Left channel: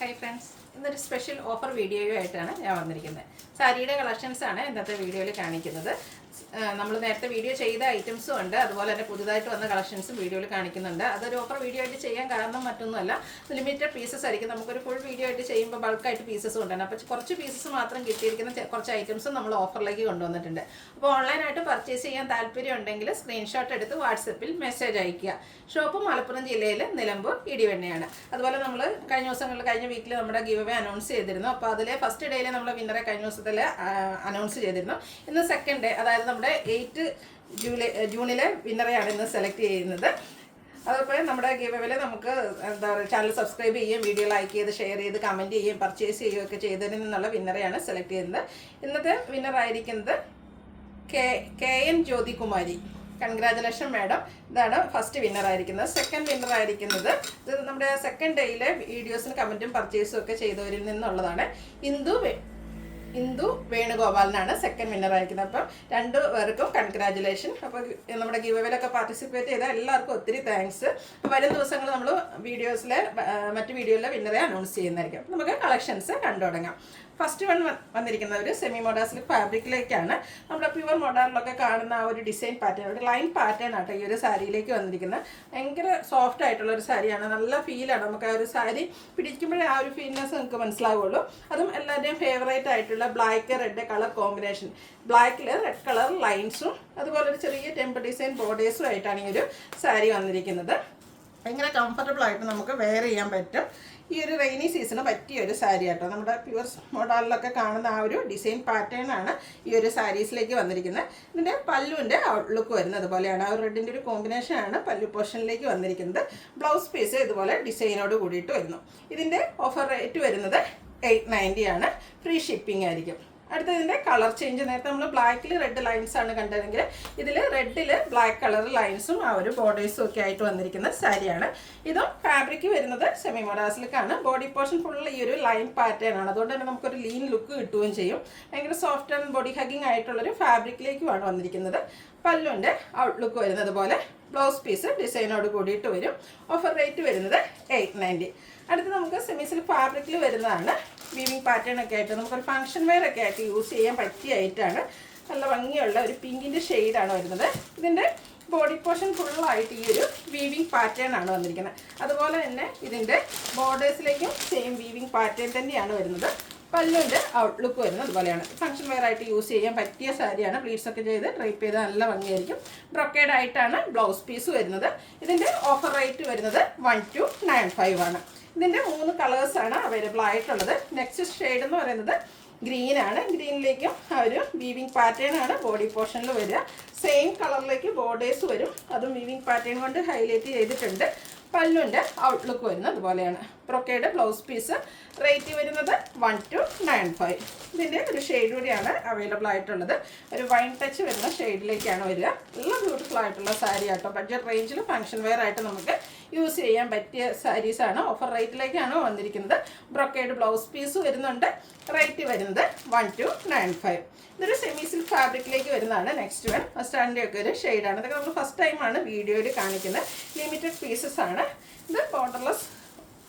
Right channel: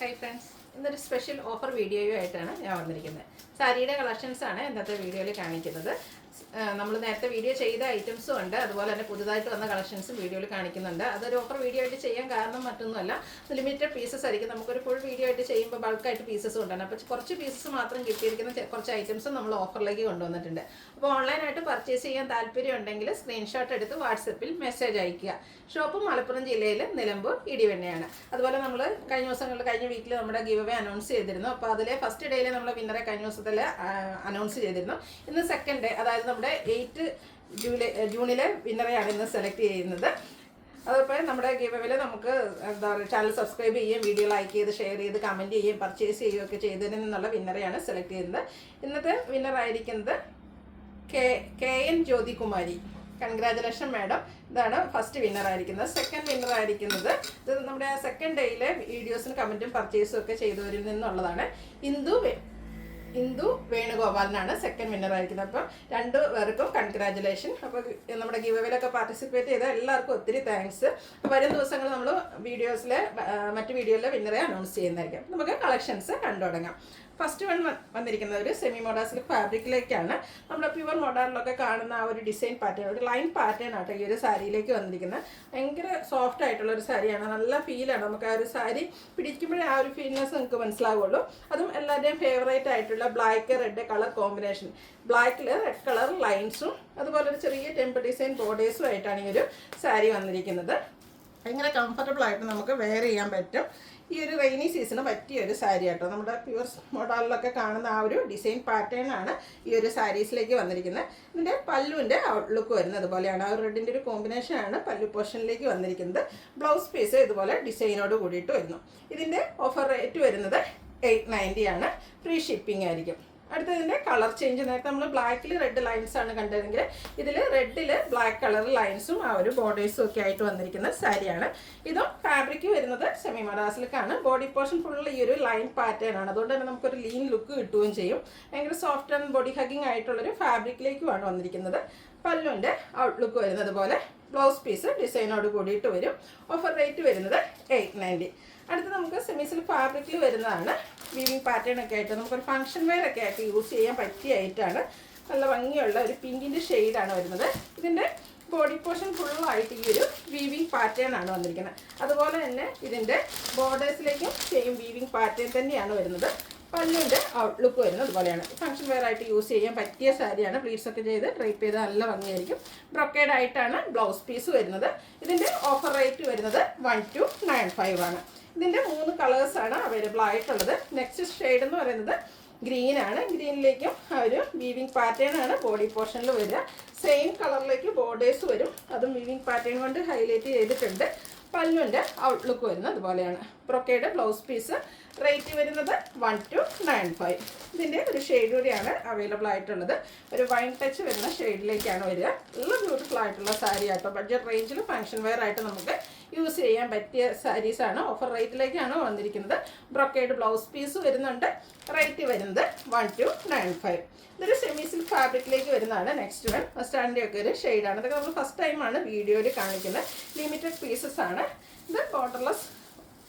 Hi friends, ഇന്നൊരു special offer വീഡിയോയുമായിട്ടാണ് ഞാൻ വന്നിരിക്കുന്നത്. സാരിയുടെ കളക്ഷൻസാണ് ഇന്നത്തെ വീഡിയോയിൽ കാണിക്കുന്നത്. നമ്മൾ നേരത്തെ വീഡിയോ ചെയ്ത ഐറ്റംസും ഉണ്ട്, അതുപോലെ തന്നെ പുതുതായിട്ട് വന്ന കളക്ഷൻസും വീഡിയോയിൽ കാണിക്കുന്നുണ്ട്. അതൊരു ഓഫർ വീഡിയോ ആയിട്ട് ചെയ്യാൻ കാരണം മറ്റൊന്നുമല്ല, ലിമിറ്റഡ് പീസസ് ആയിരിക്കും. നമുക്കൊരു ഫുൾ വീഡിയോ ആയിട്ട് ചെയ്യുമ്പോൾ ബൾക്കായിട്ട് പീസസ് കൊണ്ടുവരണം. അപ്പോൾ കുറച്ച് പീസസ് മാത്രം കിട്ടിയിരിക്കുന്ന കുറച്ച് ഐറ്റംസും നമ്മൾ ഓഫറിലേക്ക് കൊണ്ടുവന്നിട്ടുണ്ട്. അപ്പോൾ ഓൺലൈനായിട്ട് പർച്ചേസ് ചെയ്യാൻ താല്പര്യം ഉണ്ടെങ്കിൽ സ്ക്രീൻഷോട്ട് എടുത്ത് വാട്സപ്പിൽ മെസ്സേജ് അയയ്ക്കുക. ഷോപ്പ് മലപ്പുറം ജില്ലയിൽ നിലമ്പൂർ ഇടിവെണ്ണയാണ്. അതുപോലെ നമ്മൾ കഴിഞ്ഞ വീക്കിൽ നമ്മുടെ ഗിവ് അവേ അനൗൺസ് ചെയ്തിരുന്നു. അപ്പോൾ അതിലെ ഫസ്റ്റ് ഡേയിൽ നമ്മൾ വിന്നറെ കഴിഞ്ഞ ദിവസത്തിൽ അനൗൺസ് ചെയ്തിരുന്നു. ഇന്ന് സെക്കൻഡ് ഡേ, അതായത് നമ്മുടെ 8 ജൂണിലെ വിന്നറെയാണ് ഇന്ന് സെലക്ട് ചെയ്യുന്നത്. അതുപോലെ നമ്മുടെ ഗിവ് അവേയിൽ നമുക്ക് എന്താ പറയുക, ചാനൽ സബ്സ്ക്രൈബ് ചെയ്യുകയും വീഡിയോ ലൈക്ക് ചെയ്ത് ഷെയർ ചെയ്ത് കമൻറ്റ് ചെയ്യുകയും പർച്ചേസ് ചെയ്യുകയൊക്കെ ചെയ്തതിൽ നിന്നുള്ള വിന്നറെയാണ് സെലക്ട് ചെയ്യുന്നത്. ഇന്നത്തെ വിന്നറായിരിക്കുന്നത് K N Jyothikumari. Congratulation madam. ഇതാണ് ഫസ്റ്റ് വിന്നർ ആയിരിക്കുന്നത്. സെക്കൻഡ് വിന്നർ ആയിരിക്കുന്നത്, ഇത് നമ്മുടെ സെക്കൻഡ് ഡേയിലെ വീഡിയോസും കമൻറ്റും പർച്ചേസും ഒക്കെ ചെയ്തവരിൽ നിന്നുള്ളതാണ്. ഇന്ദു വേണുഗോപാലിനാണ് സെക്കൻഡ് വിന്നർ ആയിരിക്കുന്നത്. അപ്പം 2 പേർക്കും കൺഗ്രാജുലേഷൻ. അപ്പോൾ നമ്മുടെ ഗിവ് അവേയിലൊക്കെ പാർട്ടിസിപ്പേറ്റ് ചെയ്ത എല്ലാവർക്കും ഒത്തിരി താങ്ക്സ്. വരും ദിവസങ്ങൾ നമ്മൾ മറ്റു വീഡിയോയിലെ വിന്നറെ അനൗൺസ് ചെയ്യുന്നതായിരിക്കും. നമുക്ക് കളക്ഷൻസ് കണ്ടു തുടങ്ങാം. ഫസ്റ്റ് വന്നിരിക്കുന്ന ഒരു സെമി മോഡാ സിൽക്ക് ഫാബ്രിക്കിലേക്കാണ്. നമ്മുടെ പ്യുവർ മോഡാറിലൊക്കെ കാണുന്ന ആ ഒരു ഡിസൈൻ പാറ്റേൺ, ഒരു ലൈൻ പാറ്റേൺ ആട്ടോ ഈ ഒരു സാരിയിലേക്ക് വന്നിരിക്കുന്നത്. ഭയങ്കര സോഫ്റ്റ് ആയിട്ടുള്ള ഒരു സാരിയാണ്, നല്ല ഫീലാണ്. നമുക്ക് ആ ഒരു സാരി പിടിക്കുമ്പോഴേ ആ ഒരു ഫീൽനെസ് നമുക്ക് മനസ്സിലാവുള്ളൂ. അതും എല്ലാവരുടെയും ഫേവറേറ്റ് ആയിട്ടുള്ള ബ്ലാക്ക് റെഡ് കളർ കോമ്പിനേഷൻ, ബ്ലാക്കിൽ റെഡ് കളർ ലൈൻസും അതുപോലെ ഒരു ചെറിയ ടെമ്പിൾ ഡിസൈൻ ബോർഡേഴ്സും ആയിട്ടാണ് ഈ ഒരു സാരി വന്നിരിക്കുന്നത്. ഭയങ്കര കംഫർട്ടബിൾ ആയിട്ട് നമുക്ക് വെയർ ചെയ്യാൻ പറ്റും. ഈ ഒരു റെയിനി സീസണ് പറ്റിയ ഒരു സാരി ആട്ടോ. നമ്മുടെ പ്യുവർ മോഡലിലൊക്കെ കാണുന്ന ആ ഒരു ഡിസൈൻ പാറ്റേൺ ആണ് ഈ ഒരു സാരീസിലേക്ക് വന്നിരിക്കുന്നത്. ഇതിൻ്റെ പല്ലുവിൻ്റെ ഔട്ട്ലുക്ക് വരുന്നത് അതുപോലെയാണ്. ആ റെഡിൻ്റെ ഒരു കോമ്പിനേഷനാണ് പല്ലു പോർഷനിലേക്ക് വന്നിരിക്കുന്നത്. ബ്ലൗസ് പീസ് ഇതുപോലെ ഡിസൈനോട് കൂടിയിട്ട് വരുന്നു. ഇതിൻ്റെ ഓഫർ റേറ്റ് വരുന്നത് 890 ആണ്. ഫ്രീ ഷിപ്പിംഗ് ആയിരിക്കും. അടുത്തതിൻ്റെ കളർ ചേഞ്ച്, നേരത്തെ നമ്മൾ ബ്ലാക്കിൽ റെഡ് ലൈൻസ് ആണ് കണ്ടതെങ്കിൽ ഇതിൽ റെഡിൽ ബ്ലാക്ക് കളർ ലൈൻസും ആ ഒരു ബോർഡേഴ്സും ഒക്കെ ആയിട്ട് വന്നിരിക്കുന്ന സാരിയാണ്. ഇതും ഫാബ്രിക് വരുന്നത് സെമി മോഡാ സിൽക്കാണ്. ബോഡി പോർഷൻ ഫുൾ ഈ ഒരു ലൈൻ പാറ്റേൺ ആണ്. അതുകൊണ്ട് തന്നെ നമുക്കൊരു ലീൻ ലുക്ക് കിട്ടുകയും ചെയ്യും. ഭയങ്കര സോഫ്റ്റ് ആൻഡ് ബോഡി ഹഗിങ് ആയിട്ടുള്ളൊരു ഫാബ്രിക്കിലേക്കുമാണ് വന്നിരിക്കുന്നത്. പല്ലുവിൻ്റെ ഔട്ട്ലുക്ക് വരുന്നത് പോലെ ബ്ലൗസ് പീസ് ഡിസൈനോട് കൂടിയിട്ട് വരും. ഓഫർ റേറ്റ് വരുന്നത് 890. അടുത്ത് നമുക്ക് സെമി സിൽക്ക് ഫാബ്രിക്കിൽ വരുന്നതാണ്. വീവിങ് പാറ്റേൺ ഒക്കെ ആയിട്ട് നമുക്കൊരു ഫംഗ്ഷൻ വെയർ ഒക്കെ ആയിട്ട് യൂസ് ചെയ്യാൻ പറ്റിയ ആയിട്ടാണ്. നല്ല ഭംഗിയുള്ള ഒരു പിങ്കിൻ്റെ ഷെയ്ഡാണ് വരുന്നത്. ഇതിൻ്റെ ബോഡി പോർഷൻ ഫുള്ളായിട്ട് ഈ ഒരു വീവിങ് പാറ്റേൺ ആണ് വന്നിരിക്കുന്നത്. അതുപോലെ തന്നെ ഇതിൻ്റെ ബോർഡേഴ്സിലേക്കും സെയിം വീവിങ് പാറ്റേൺ തന്നെയാണ് വരുന്നത്. പല്ലുവിൻ്റെ ഔട്ട്ലുക്ക് വരുന്നത് അതുപോലെയാണ്. ഫംഗ്ഷൻ വെയർ ആയിട്ട് യൂസ് ചെയ്യാൻ പറ്റിയ സാരിയാണ്. പ്ലീറ്റ്സ് ഒക്കെ ചെയ്ത് ഡ്രൈപ്പ് ചെയ്ത് നല്ല ഭംഗിയായിരിക്കും. ബ്രൊക്കേഡ് ആയിട്ടാണ് ബ്ലൗസ് പീസ് വരുന്നത്. ഇതിൻ്റെ ഓഫർ റേറ്റ് വരുന്നത് 1295 ആണ്. ഇതിൻ്റെ 3 കളേഴ്സാണ് അവൈലബിൾ ആയിട്ടുള്ളത്. നെക്സ്റ്റ് ഷെയ്ഡ് എന്ന് പറയുന്നത് ഗ്രീനാണ്. ഗ്രീനിലേക്കും ആ ഒരു വീവിങ് പാറ്റേൺ ആണ് ബോഡി പോർഷനിൽ വരിക. സെയിം കളറിലേക്ക് ബോർഡേഴ്സ് വരും. അതും വീവിങ് പാറ്റേൺ കൊണ്ട് ഹൈലൈറ്റ് ചെയ്തിട്ടുണ്ട്. പല്ലുവിൻ്റെ ഔട്ട്ലുക്ക് വരുന്നത് അതുപോലെയാണ്. Brocade blouse piece. റേറ്റ് വരുന്നത് 1295. ഇതിൻ്റെ ഒരു ഷെയ്ഡ് കൂടിയാണ് അവൈലബിൾ ആയിട്ടുള്ളത്. ഒരു വൈൻ ടച്ച് വരുന്ന ഷെയ്ഡിലേക്കാണ് വരിക. നല്ല ബ്യൂട്ടിഫുൾ ആയിട്ടുള്ള സാരി ആട്ടോ. ബഡ്ജറ്റ് റേഞ്ചിൽ ഫംഗ്ഷൻ വെയർ ആയിട്ട് നമുക്ക് യൂസ് ചെയ്യാൻ പറ്റിയ സാരീസാണ്. ഓഫർ റേറ്റിലേക്കാണ് വന്നിരിക്കുന്നത്. ബ്രൊക്കേഡ് ബ്ലൗസ് പീസ് വരുന്നുണ്ട്. റേറ്റ് വരുന്നത് 1295. ഇതൊരു സെമി സിൽക്ക് ഫാബ്രിക്കിലേക്ക് വരുന്നതാണ്. നെക്സ്റ്റ് വൺ സ്റ്റാൻഡിൻ്റെ ഒക്കെ ഒരു ഷെയ്ഡാണ്. ഇതൊക്കെ നമ്മൾ ഫസ്റ്റ് ടൈമാണ് വീഡിയോയിൽ കാണിക്കുന്നത്. ലിമിറ്റഡ് പീസസ് ആണ്. ഇത് ബോർഡർലെസ്,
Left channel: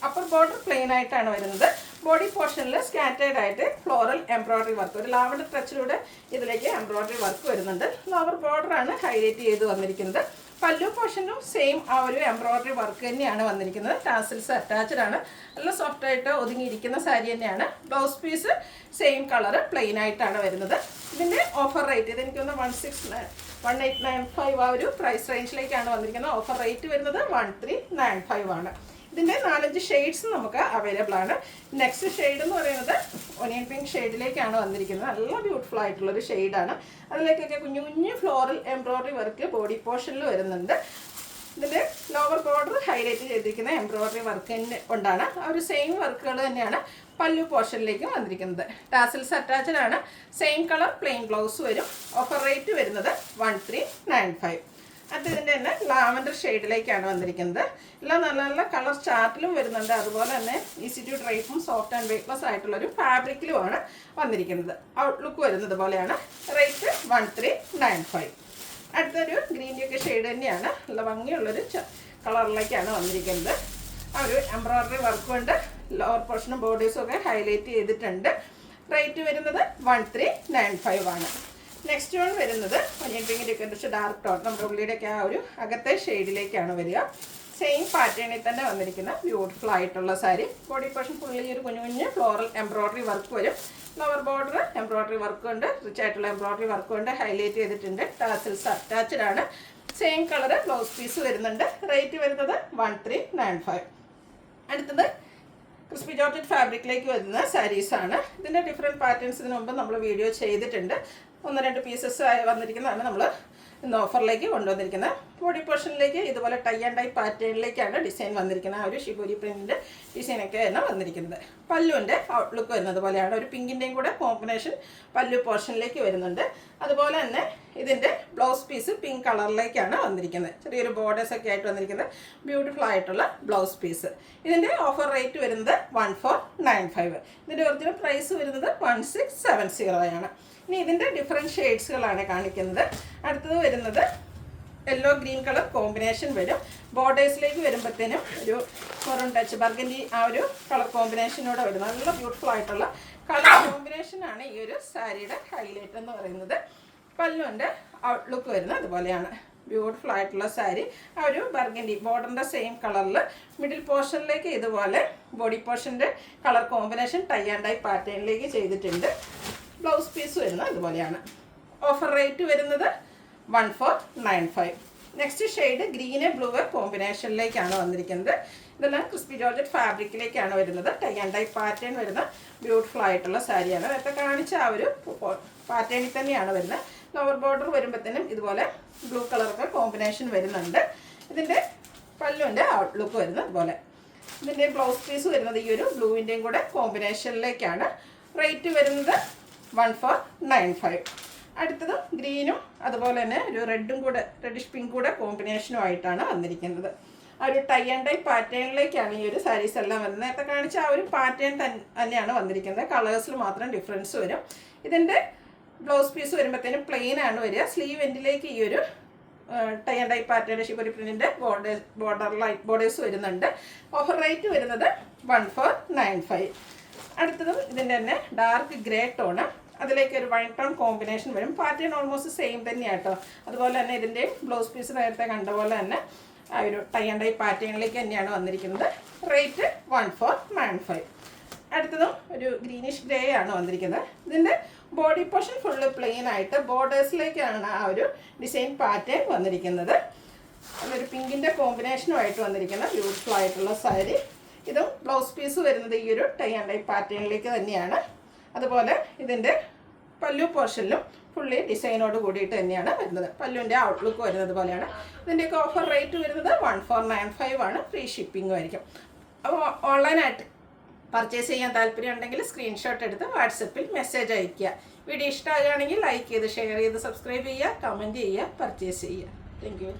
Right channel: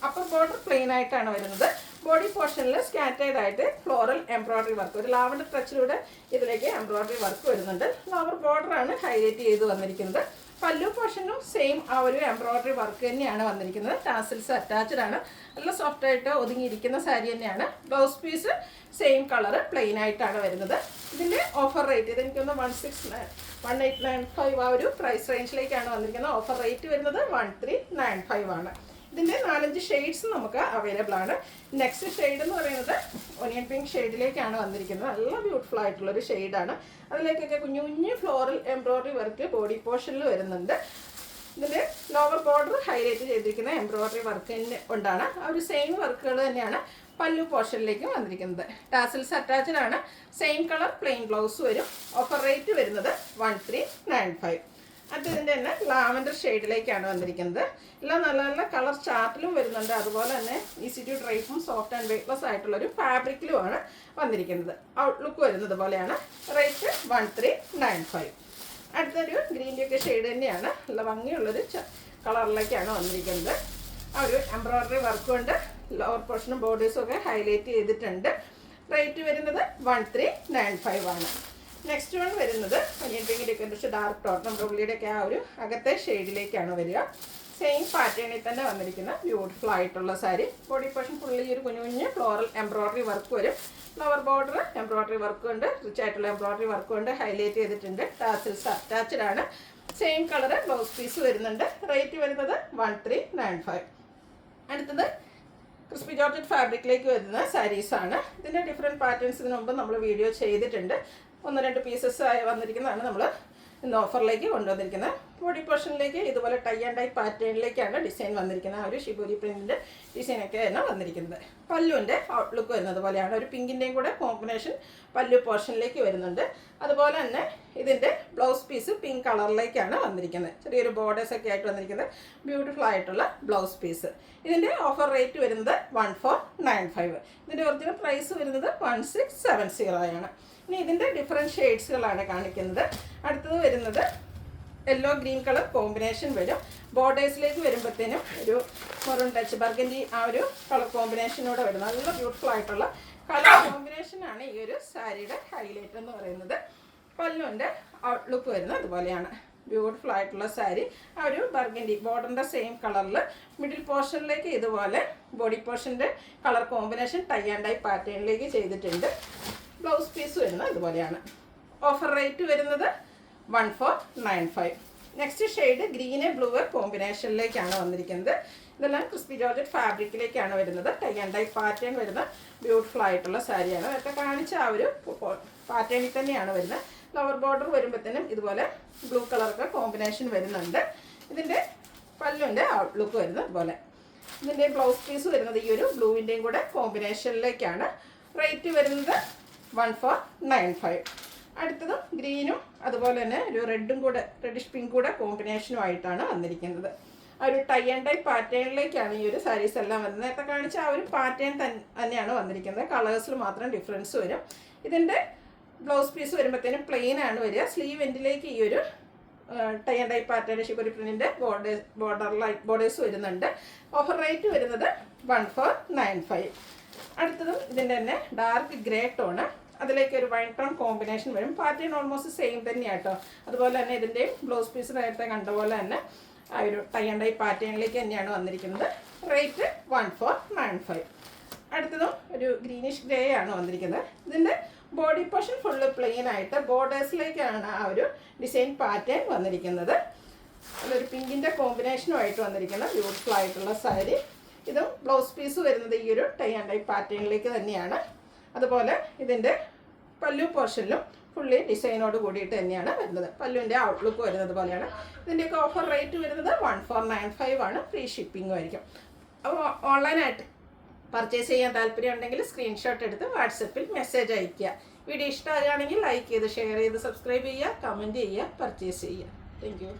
അപ്പർ ബോർഡർ പ്ലെയിൻ ആയിട്ടാണ് വരുന്നത്. ബോഡി പോർഷനിൽ സ്കാറ്റേർഡ് ആയിട്ട് ഫ്ലോറൽ എംബ്രോയ്ഡറി വർക്ക്, ഒരു ലാവൻഡർ ടച്ചിലൂടെ ഇതിലേക്ക് എംബ്രോയ്ഡറി വർക്ക് വരുന്നുണ്ട്. ലോവർ ബോർഡറാണ് ഹൈലൈറ്റ് ചെയ്ത് വന്നിരിക്കുന്നത്. പല്ലു പോർഷനും സെയിം ആ ഒരു എംബ്രോയ്ഡറി വർക്ക് തന്നെയാണ് വന്നിരിക്കുന്നത്. ടാസിൽസ് അറ്റാച്ച്ഡ് ആണ്. നല്ല സോഫ്റ്റ് ആയിട്ട് ഒതുങ്ങിയിരിക്കുന്ന സാരി തന്നെയാണ്. Blouse piece same colour plain ആയിട്ടാണ് വരുന്നത്. ഇതിൻ്റെ ഓഫർ റേറ്റ് ഇതെനിക്കൊന്ന് 1895 ആ ഒരു പ്രൈസ് റേഞ്ചിലേക്കാണ് വന്നിരിക്കുന്നത്. ഓഫർ റേറ്റ് വരുന്നത് 1395 ആണ്. ഇതിൻ്റെ 4-5 ഷെയ്ഡ്സ് നമുക്ക് അവൈലബിൾ ആണ്. നെക്സ്റ്റ് ഷെയ്ഡ് എന്ന് പറയുന്നത് ഒനിയൻ പിങ്ക് ഷെയ്ഡിലേക്കാണ് വന്നിരിക്കുന്നത്. നല്ല ബ്യൂട്ടിഫുൾ ആയിട്ടുള്ളൊരു ഷെയ്ഡാണ്. അതിലേക്കൊക്കെ കുഞ്ഞു കുഞ്ഞു ഫ്ലോറൽ എംബ്രോയ്ഡറി വർക്ക് ബോഡി പോർഷനിൽ വരുന്നുണ്ട്. ഇതിൻ്റെ ലോവർ ബോർഡർ ഹൈലൈറ്റ് ചെയ്തിരിക്കുന്ന എംബ്രോയ്ഡറി വർക്ക് കൊണ്ടാണ്. ആ ഒരു സെയിം വർക്കുകൾ തന്നെയാണ് പല്ലു പോർഷനിലേക്ക് വന്നിരിക്കുന്നത്. ടാസിൽസ് അറ്റാച്ച്ഡ് ആണ്. സെയിം കളർ പ്ലെയിൻ ബ്ലൗസ് വരും. ഓഫർ റേറ്റ് വരുന്നത് 1395. അതിൻ്റെ തന്നെ ലാവൻഡർ ഷെയ്ഡിലേക്കാണ് വന്നിരിക്കുന്നത്. എല്ലാം നല്ല നല്ല കളർ ചാർട്ടിലും വരുന്നുണ്ട്. അതുപോലെ തന്നെ ഈസി ടു ഡ്രൈപ്പും സോഫ്റ്റ് ആൻഡ് വെയ്റ്റ്ലെസ് ആയിട്ടുള്ളൊരു ഫാബ്രിക്കിലുമാണ് വന്നിരിക്കുന്നത്. ഔട്ട്ലുക്ക് വരുന്നത് പോലെയാണ്. റേറ്റ് 1395. അടുത്തൊരു ഗ്രീൻ്റെ ഒക്കെ ഷെയ്ഡ് തന്നെയാണ്. നല്ല ഭംഗിയുള്ളൊരു കളറിലേക്കാണ് വന്നിരിക്കുന്നത്. ആ ഒരു എംബ്രോയ്ഡറി വർക്ക് കൊണ്ട് ലോവർ പോർഷനും ബോർഡേഴ്സും ഒക്കെ ഹൈലൈറ്റ് ചെയ്തിട്ടുണ്ട്. റേറ്റ് വരുന്നത് 1395 ആണ്. നെക്സ്റ്റ് വൺ വരുന്നത് പിങ്കിൻ്റെയൊക്കെ കുറച്ച് ഡാർക്ക് ടോൺ നമ്മുടെ ഉള്ളിയുടെയൊക്കെ ആ ഒരു അകത്തെ ഷെയ്ഡിലേക്കാണ് വരിക. സെയിം പാറ്റേണിൽ തന്നെ വന്നിരിക്കുന്ന ബ്യൂട്ടിഫുൾ ആയിട്ടുള്ള സാരി. ബോഡി പോർഷൻ ഫുള്ളി ഒരു കുഞ്ഞു കുഞ്ഞ് ഫ്ലോറൽ എംബ്രോയ്ഡറി വർക്ക് വരും. ലോവർ ബോർഡർ എംബ്രോയ്ഡറി വർക്ക് കൊണ്ട് റിച്ച് ആയിട്ടുള്ള എംബ്രോയ്ഡറി വർക്ക് കൊണ്ട് ഹൈലൈറ്റ് ചെയ്തിട്ടുണ്ട്. ടാസിൽസ് അറ്റാച്ച്ഡ് ആണ്. സെയിം കളർ ബ്ലൗസ് പീസ് വരുന്നുണ്ട്. റേറ്റ് വരുന്നത് 1395. അടുത്തത് ക്രിസ്പി ജോർജറ്റ് ഫാബ്രിക്കിലേക്ക് വരുന്ന സാരീസാണ്. ഇതിൻ്റെ ഡിഫറെൻറ്റ് പാറ്റേൺസ് ഇതിന് മുമ്പ് നമ്മൾ വീഡിയോ ചെയ്തിട്ടുണ്ട്. 1-2 പീസസ് വന്നിരിക്കുന്നതാണ് നമ്മൾ ഇന്ന് ഓഫറിലേക്ക് കൊണ്ടുവന്നിരിക്കുന്നത്. ബോഡി പോർഷനിലേക്ക് ഇതുപോലെ ടൈ ആൻഡ് ഡൈ പാറ്റേണിലേക്കാണ് ഡിസൈൻ വന്നിരിക്കുന്നത്. ആ ഒരു ഷിബോരി പ്രിൻറ്റിൻ്റെ ഡിസൈനൊക്കെയാണ് വന്നിരിക്കുന്നത്. പല്ലുവിൻ്റെ ഔട്ട്ലുക്ക് വരുന്നത് പോലെയാണ്. ഒരു പിങ്കിൻ്റെയും കൂടെ കോമ്പിനേഷൻ പല്ലു പോർഷനിലേക്ക് വരുന്നുണ്ട്. അതുപോലെ തന്നെ ഇതിൻ്റെ ബ്ലൗസ് പീസ് പിങ്ക് കളറിലേക്കാണ് വന്നിരിക്കുന്നത്. ചെറിയൊരു ബോർഡേഴ്സ് ഒക്കെ ആയിട്ട് വന്നിരിക്കുന്നത് ബ്യൂട്ടിഫുൾ ആയിട്ടുള്ള ബ്ലൗസ് പീസ്. ഇതിൻ്റെ ഓഫർ റേറ്റ് വരുന്നത് 1495. ഇതിൻ്റെ ഒറിജിനൽ പ്രൈസ് വരുന്നത് 1670 ആണ്. ഇനി ഇതിൻ്റെ ഡിഫറെൻറ്റ് ഷെയ്ഡ്സുകളാണ് കാണിക്കുന്നത്. അടുത്തത് വരുന്നത് യെല്ലോ ഗ്രീൻ കളർ കോമ്പിനേഷൻ വരും. ബോർഡേഴ്സിലേക്ക് വരുമ്പോഴത്തേനും ഒരു മെറൂൺ ടച്ച് ബർഗൻഡി ആ ഒരു കളർ കോമ്പിനേഷനോടെ വരും. നല്ല ബ്യൂട്ടിഫുൾ ആയിട്ടുള്ള കളർ കോമ്പിനേഷനാണ് ഈ ഒരു സാരിയുടെ ഹൈലൈറ്റ് എന്ന് പറയുന്നത്. പല്ലുവിൻ്റെ ഔട്ട്ലുക്ക് വരുന്നത് അതുപോലെയാണ്. ബ്യൂട്ടിഫുൾ ആയിട്ടുള്ള സാരി. ആ ഒരു ബർഗൻഡി ബോർഡറിൻ്റെ സെയിം കളറിൽ മിഡിൽ പോർഷനിലേക്ക് ഇതുപോലെ ബോഡി പോർഷൻ്റെ colour combination tie and dye പാറ്റേണിലേക്ക് ചെയ്തിട്ടുണ്ട്. ബ്ലൗസ് പീസ് വരുന്നത് അതുപോലെയാണ്. ഓഫർ റേറ്റ് വരുന്നത് 1495. നെക്സ്റ്റ് ഷെയ്ഡ് ഗ്രീന് ബ്ലൂ കോമ്പിനേഷനിലേക്കാണ് വന്നിരിക്കുന്നത്. ഇതെല്ലാം ക്രിസ്പി ജോർജറ്റ് ഫാബ്രിക്കിലേക്കാണ് വരുന്നത്. ടൈ ആൻഡ് ഡൈ പാറ്റേൺ വരുന്ന ബ്യൂട്ടിഫുൾ ആയിട്ടുള്ള സാരിയാണ്. നേരത്തെ കാണിച്ച ആ ഒരു പാറ്റേണിൽ തന്നെയാണ് വരുന്നത്. ലോവർ ബോർഡർ വരുമ്പോഴത്തേനും ഇതുപോലെ ബ്ലൂ കളറൊക്കെ കോമ്പിനേഷൻ വരുന്നുണ്ട്. ഇതിൻ്റെ പല്ലുവിൻ്റെ ഔട്ട്ലുക്ക് വരുന്നത് അതുപോലെ. ഇതിൻ്റെ ബ്ലൗസ് പീസ് വരുന്നത് ഈ ഒരു ബ്ലൂവിൻ്റെയും കൂടെ കോമ്പിനേഷനിലേക്കാണ്. റേറ്റ് വരുന്നത് 1495. അടുത്തത് ഗ്രീനും അതുപോലെ തന്നെ ഒരു റെഡും കൂടെ റെഡിഷ് പിങ്ക് കൂടെ കോമ്പിനേഷനും ആയിട്ടാണ് വന്നിരിക്കുന്നത്. ആ ഒരു ടൈ ആൻഡ് ഡൈ പാറ്റേണിലേക്കാണ് ഈ ഒരു സാരീസ് എല്ലാം വരുന്നത്. നേരത്തെ കാണിച്ച ആ ഒരു പാറ്റേൺ തന്നെയാണ് വന്നിരിക്കുന്നത്. കളേഴ്സിൽ മാത്രം ഡിഫറൻസ് വരും. ഇതിൻ്റെ ബ്ലൗസ് പീസ് വരുമ്പോഴത്തേനും പ്ലെയിൻ ആണ് വരിക. സ്ലീവ് എൻഡിലേക്ക് ഈ ഒരു tie and dye pattern shibori പ്രിന്റിൻ്റെ ബോർഡേഴ്സ് വരുന്നുണ്ട്. ഓഫർ റേറ്റ് വരുന്നത് 1495. അടുത്തതും ഇതിൻ്റെ തന്നെ ഡാർക്ക് ഗ്രേ ടോണ്, അതിലേക്ക് ഒരു വൈറ്റ് ടോൺ കോമ്പിനേഷൻ വരും. പാറ്റേൺ ഓൾമോസ്റ്റ് സെയിം തന്നെയാണ് കേട്ടോ. അതുപോലെ തന്നെ ഇതിൻ്റെ ബ്ലൗസ് പീസ് നേരത്തെ കണ്ട പോലെ തന്നെ ആ ഒരു ടൈ ആൻഡ് ഡൈ പാറ്റേണിലേക്ക് തന്നെയാണ് വന്നിരിക്കുന്നത്. റേറ്റ് 1495. അടുത്തതും ഒരു ഗ്രീനിഷ് ഗ്രേ ആണ് വന്നിരിക്കുന്നത്. ഇതിൻ്റെ ബോഡി പോർഷൻ ഫുള്ള് പ്ലെയിൻ ആയിട്ട് ബോർഡേഴ്സിലേക്കാണ് ആ ഒരു ഡിസൈൻ പാറ്റേൺ വന്നിരിക്കുന്നത്. അതൊരു പിങ്കിൻ്റെ കോമ്പിനേഷനുമായിട്ട് വന്നിരിക്കുന്ന ബ്യൂട്ടിഫുൾ ആയിട്ടുള്ള സാരി. ഇതും ബ്ലൗസ് പീസ് വരുന്നത് ഈ ഒരു ടൈ ആൻഡ് ഡൈ പാറ്റേണിലേക്ക് തന്നെയാണ്. അതുപോലെ ഇതിൻ്റെ പല്ലു പോർഷനിലും ഫുള്ളി ഡിസൈനോട് കൂടിയിട്ട് തന്നെയാണ് വരുന്നത്. പല്ലുവിൻ്റെ ഔട്ട്ലുക്ക് വരുന്നത് പോലെയാണ്. ഇതിൻ്റെയൊക്കെ ഓഫർ റേറ്റ് വരുന്നത് 1495 ആണ്. ഫ്രീ ഷിപ്പിംഗും ആയിരിക്കും. അപ്പോൾ ഓൺലൈനായിട്ട് പർച്ചേസ് ചെയ്യാൻ താല്പര്യം ഉണ്ടെങ്കിൽ സ്ക്രീൻഷോട്ട് എടുത്ത് വാട്സപ്പിൽ മെസ്സേജ് അയയ്ക്കുക. വീഡിയോ ഇഷ്ടമാകുകയാണെങ്കിൽ ലൈക്ക് ചെയ്ത് ഷെയർ ചെയ്ത് സബ്സ്ക്രൈബ് ചെയ്യുക, കമൻറ്റ് ചെയ്യുക, പർച്ചേസ് ചെയ്യുക. Thank you.